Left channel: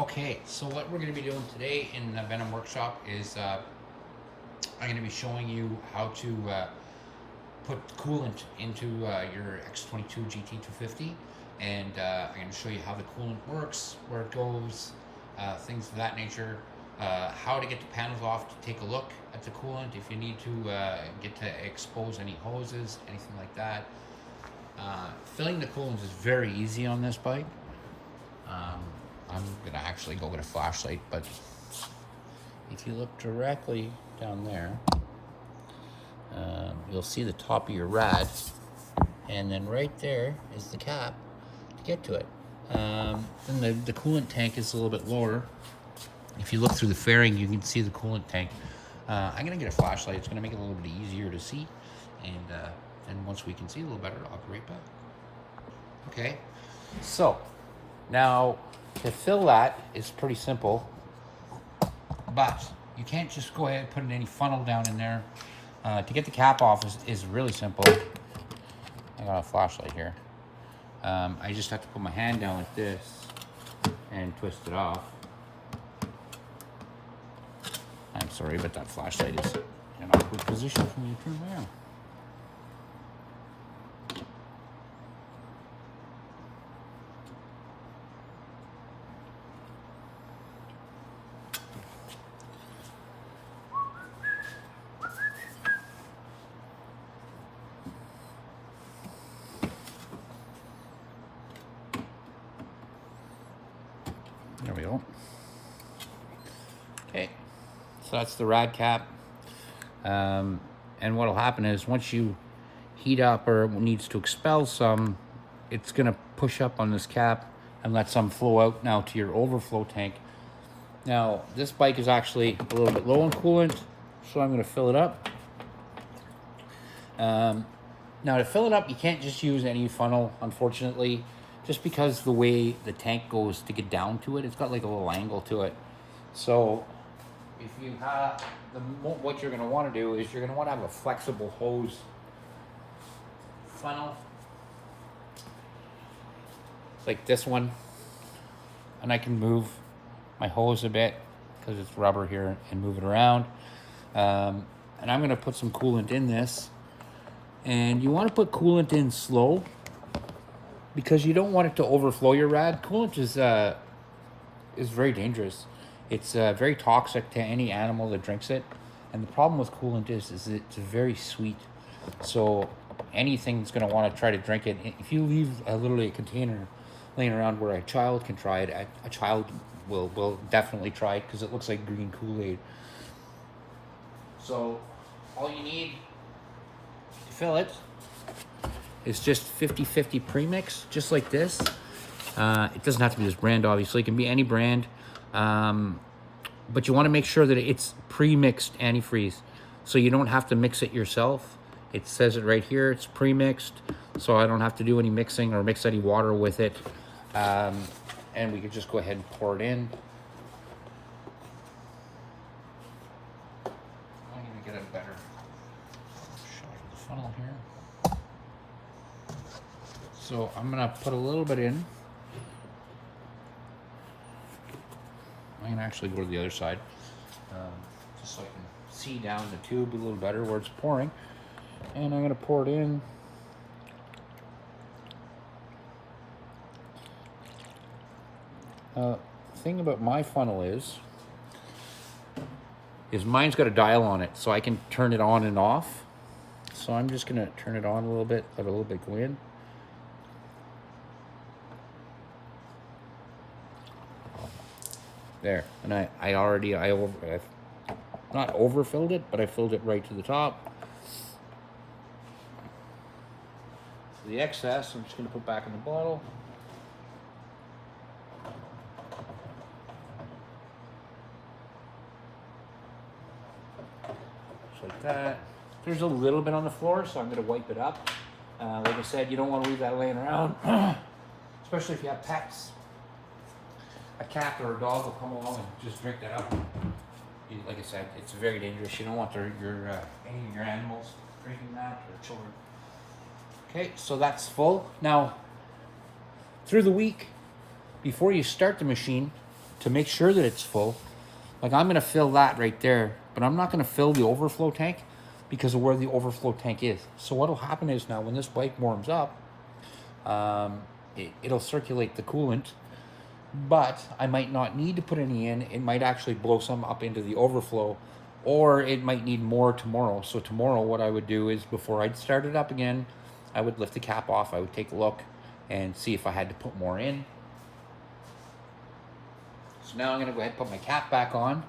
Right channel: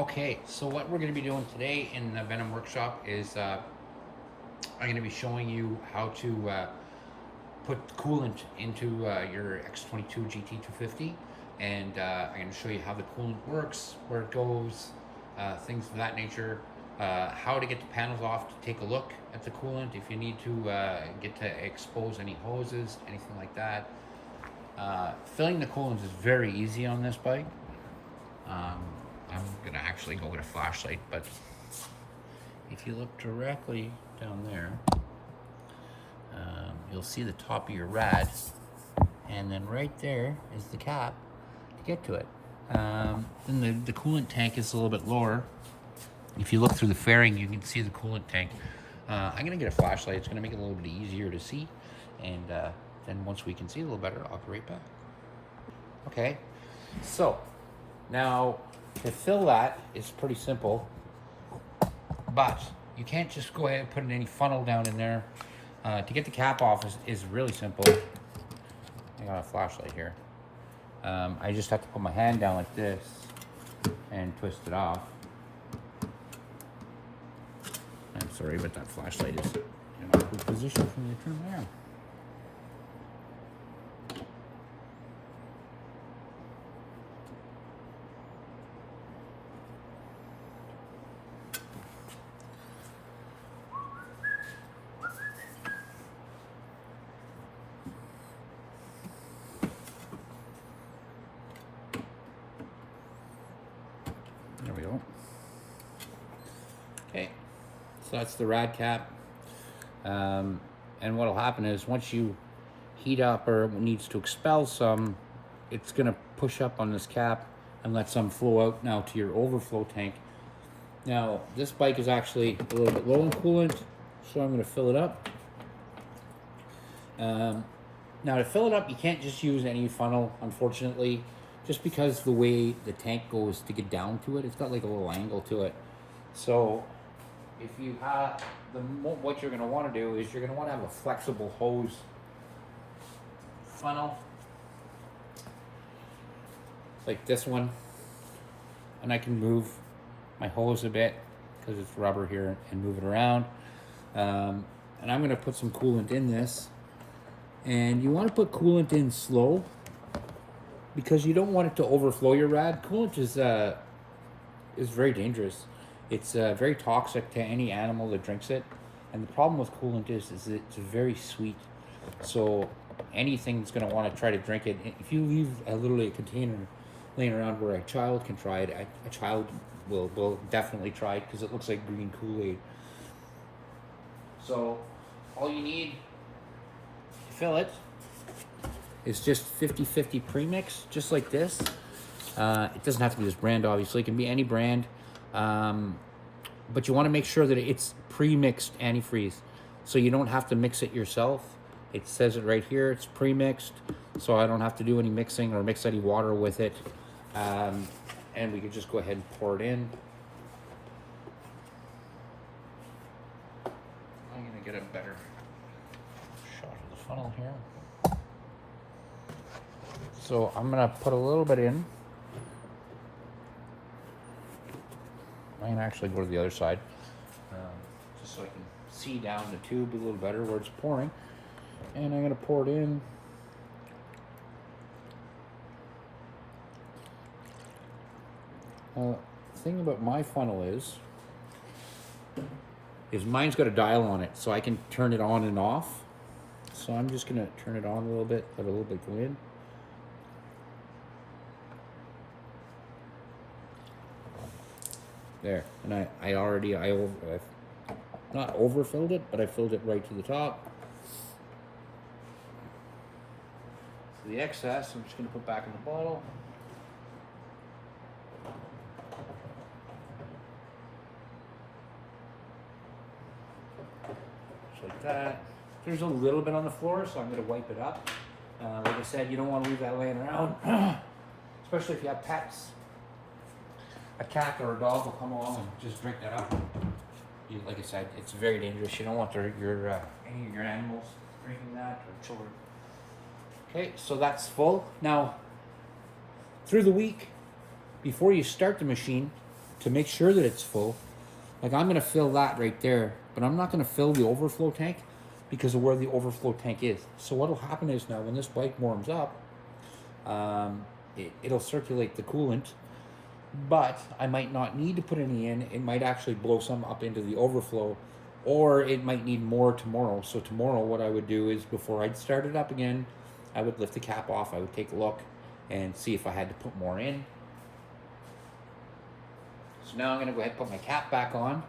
Okay, so what we're going to be doing today in the Venom workshop is I'm going to be showing you how to put coolant into your X22GT 250, and I'm going to show you how the coolant works, where it goes, things of that nature, how to get the panels off to take a look at the coolant if you need to get to expose any hoses, anything like that. Filling the coolant is very easy on this bike. I'm gonna actually go with a flashlight, but if you look directly down there, you'll see the top of your rad, and then right there is the cap to get to it. Then the coolant tank is a little bit lower. If you look through the fairing, you can see the coolant tank. I'm gonna get a flashlight. It's gonna make it a little bit easier to see, and then once we can see a little better, I'll be right back. Okay, so now to fill that is pretty simple, but you can't just go ahead and put any funnel down in there. To get the cap off is really simple. I got a flashlight here. I just have to put my hand down like this and twist it off. I'm sorry, but that flashlight is in an awkward position for me to turn around. There we go. Okay, so that's the rad cap. And what will happen is once you heat up or needs to expel some, it's going to push up on this cap and let some flow out now to your overflow tank. Now, this bike is actually a little bit low on coolant, so I'm going to fill it up. Now, to fill it up, you can't just use any funnel, unfortunately, just because the way the tank goes to get down to it, it's got like a little angle to it. So if you have, what you're going to want to do is you're going to want to have a flexible hose funnel, like this one, and I can move my hose a bit because it's rubber here and move it around. And I'm going to put some coolant in this, and you want to put coolant in slow because you don't want it to overflow your rad. Coolant is very dangerous. It's very toxic to any animal that drinks it, and the problem with coolant is it's very sweet. So anything's going to want to try to drink it. If you leave literally a container laying around where a child can try it, a child will definitely try it because it looks like green Kool-Aid. So all you need to fill it is just 50-50 premix, just like this. It doesn't have to be this brand, obviously. It can be any brand. But you want to make sure that it's pre-mixed antifreeze, so you don't have to mix it yourself. It says it right here, it's pre-mixed, so I don't have to do any mixing or mix any water with it. And we could just go ahead and pour it in. I'm going to get a better shot of the funnel here. So I'm going to put a little bit in. I'm going to actually go to the other side, just so I can see down the tube a little better where it's pouring. And I'm going to pour it in. The thing about my funnel is mine's got a dial on it, so I can turn it on and off. So I'm just going to turn it on a little bit, let a little bit go in. There, and I not overfilled it, but I filled it right to the top. So the excess, I'm just going to put back in the bottle. Just like that. There's a little bit on the floor, so I'm going to wipe it up. Like I said, you don't want to leave that laying around, especially if you have pets. A cat or a dog will come along and just drink that up. Like I said, it's very dangerous. You don't want any of your animals drinking that, or children. Okay, so that's full. Now, through the week, before you start the machine, to make sure that it's full, like I'm gonna fill that right there, but I'm not gonna fill the overflow tank because of where the overflow tank is. So what'll happen is now when this bike warms up, it'll circulate the coolant, but I might not need to put any in. It might actually blow some up into the overflow, or it might need more tomorrow. So tomorrow what I would do is, before I'd start it up again, I would lift the cap off, I would take a look and see if I had to put more in. So now I'm gonna go ahead and put my cap back on.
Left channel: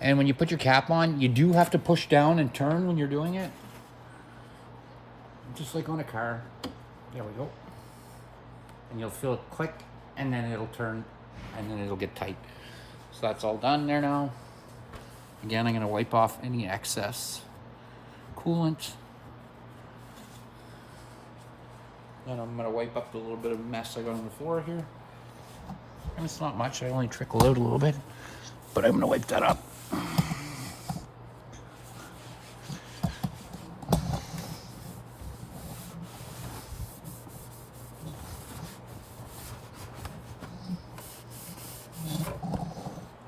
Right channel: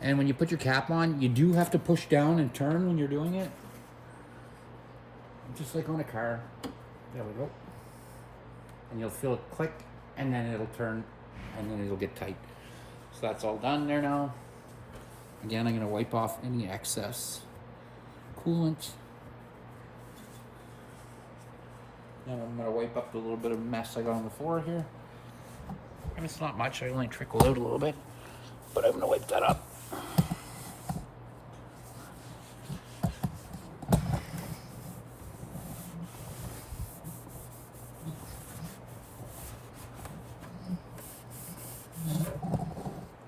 And when you put your cap on, you do have to push down and turn when you're doing it. Just like on a car. There we go. And you'll feel it click, and then it'll turn, and then it'll get tight. So that's all done there now. Again, I'm gonna wipe off any excess coolant. And I'm gonna wipe up the little bit of mess I got on the floor here. And it's not much, I only trickled out a little bit, but I'm gonna wipe that up.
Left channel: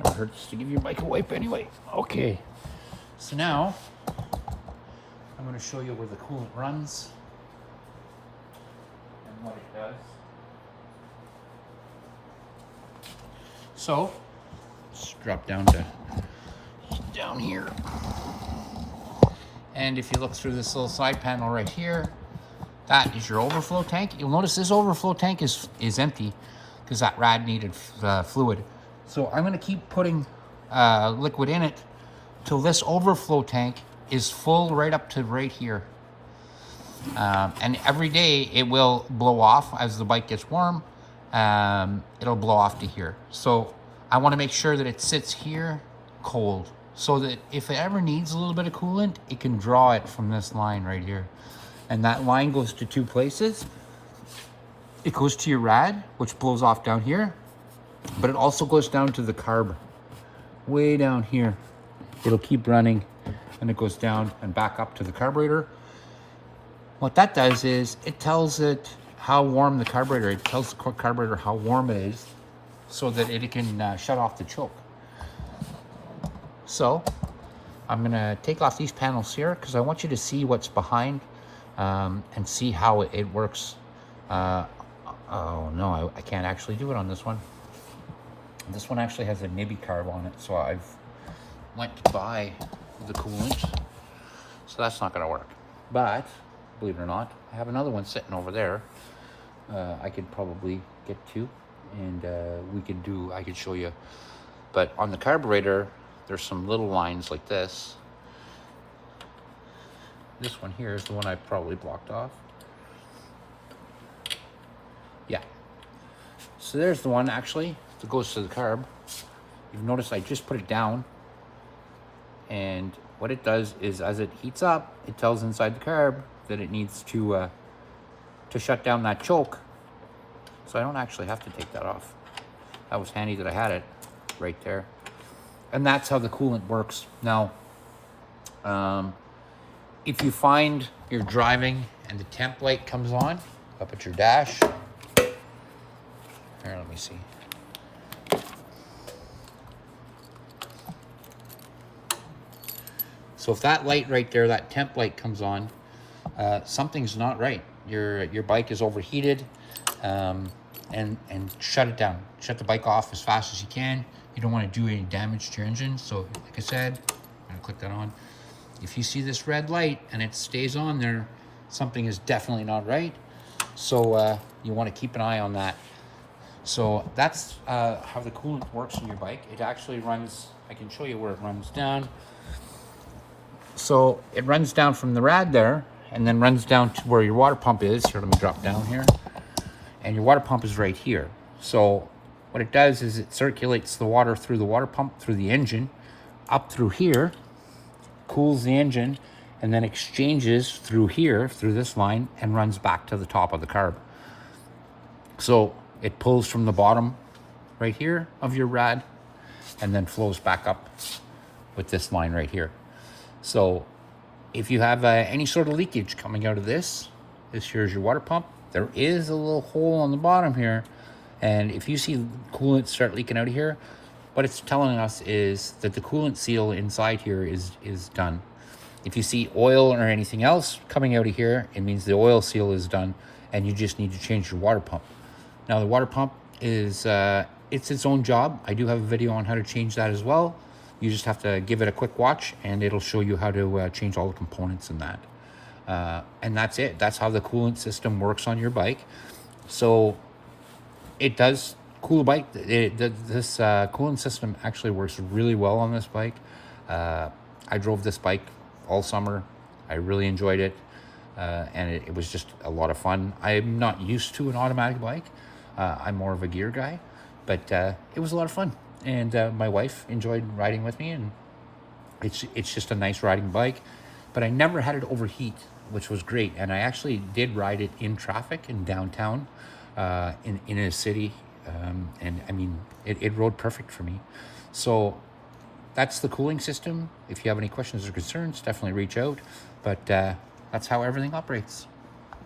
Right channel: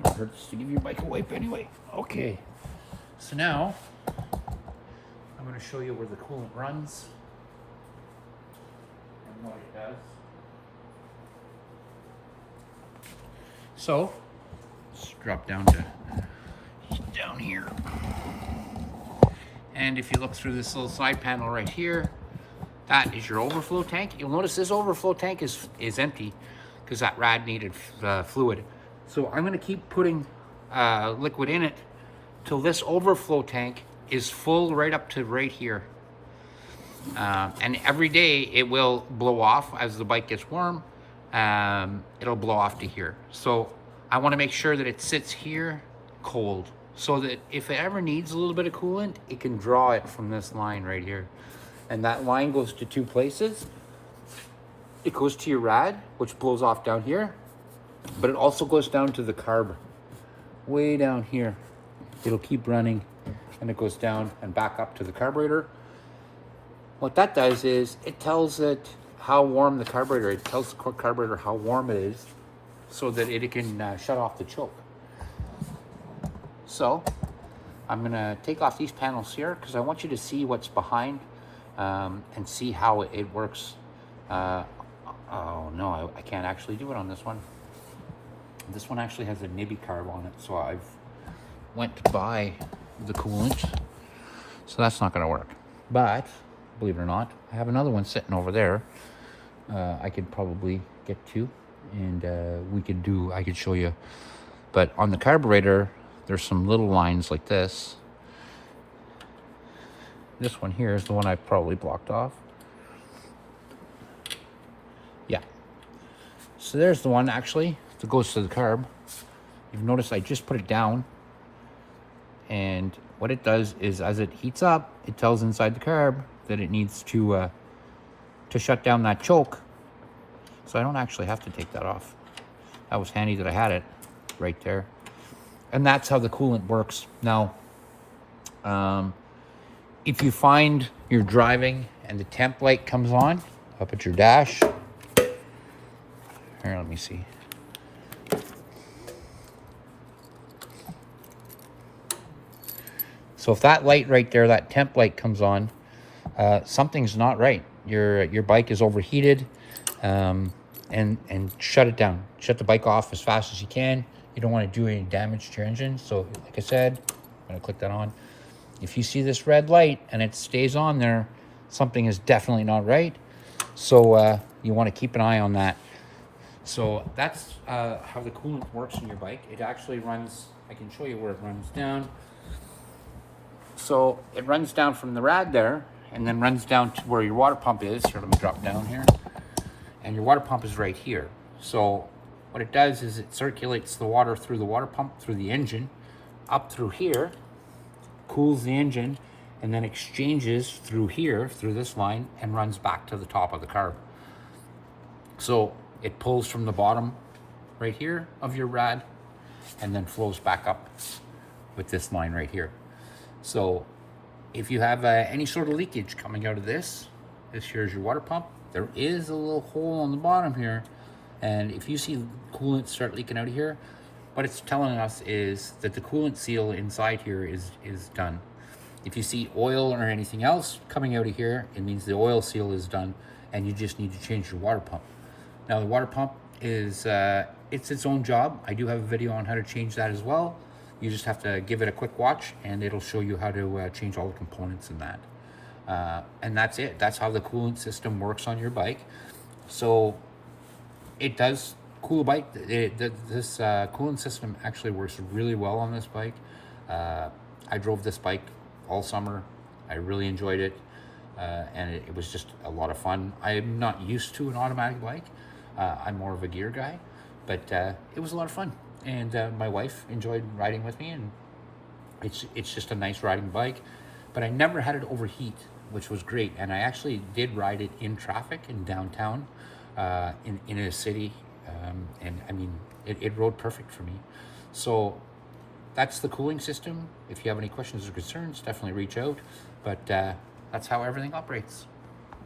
It hurts to give your bike a wipe anyway. Okay, so now I'm going to show you where the coolant runs and what it does. So let's drop down here, and if you look through this little side panel right here, that is your overflow tank. You'll notice this overflow tank is empty because that rad needed fluid. So I'm going to keep putting liquid in it till this overflow tank is full right up to right here. And every day it will blow off as the bike gets warm. It'll blow off to here. So I want to make sure that it sits here cold, so that if it ever needs a little bit of coolant, it can draw it from this line right here. And that line goes to two places. It goes to your rad, which blows off down here, but it also goes down to the carb, way down here. It'll keep running, and it goes down and back up to the carburetor. What that does is it tells it how warm the carburetor, it tells the carburetor how warm it is, so that it can shut off the choke. So I'm gonna take off these panels here because I want you to see what's behind and see how it works. Oh no, I can't actually do it on this one. This one actually has a nibby carb on it, so I've went to buy the coolant, so that's not going to work. But believe it or not, I have another one sitting over there. I could probably get to, and I could show you. But on the carburetor, there's some little lines like this. This one here is the one I probably blocked off. Yeah. So there's the one actually that goes to the carb. You've noticed I just put it down, and what it does is as it heats up, it tells inside the carb that it needs to shut down that choke. So I don't actually have to take that off. That was handy that I had it right there. And that's how the coolant works. Now, if you find you're driving and the temp light comes on up at your dash, here, let me see. So if that light right there, that temp light comes on, something's not right. Your bike is overheated, and shut it down. Shut the bike off as fast as you can. You don't want to do any damage to your engine. So like I said, I'm gonna click that on. If you see this red light and it stays on there, something is definitely not right. So you want to keep an eye on that. So that's how the coolant works in your bike. It actually runs, I can show you where it runs down. So it runs down from the rad there, and then runs down to where your water pump is. Here, let me drop down here. And your water pump is right here. So what it does is it circulates the water through the water pump, through the engine, up through here, cools the engine, and then exchanges through here, through this line, and runs back to the top of the carb. So it pulls from the bottom right here of your rad and then flows back up with this line right here. So if you have any sort of leakage coming out of this here's your water pump. There is a little hole on the bottom here, and if you see coolant start leaking out of here, what it's telling us is that the coolant seal inside here is done. If you see oil or anything else coming out of here, it means the oil seal is done and you just need to change your water pump. Now the water pump is it's its own job. I do have a video on how to change that as well. You just have to give it a quick watch and it'll show you how to change all the components in that. And that's it. That's how the coolant system works on your bike. So it does cool a bike. This coolant system actually works really well on this bike. I drove this bike all summer. I really enjoyed it. And it was just a lot of fun. I'm not used to an automatic bike. I'm more of a gear guy, but it was a lot of fun. And my wife enjoyed riding with me, and it's just a nice riding bike. But I never had it overheat, which was great. And I actually did ride it in traffic in downtown, in a city. And I mean, it rode perfect for me. So that's the cooling system. If you have any questions or concerns, definitely reach out. But that's how everything operates.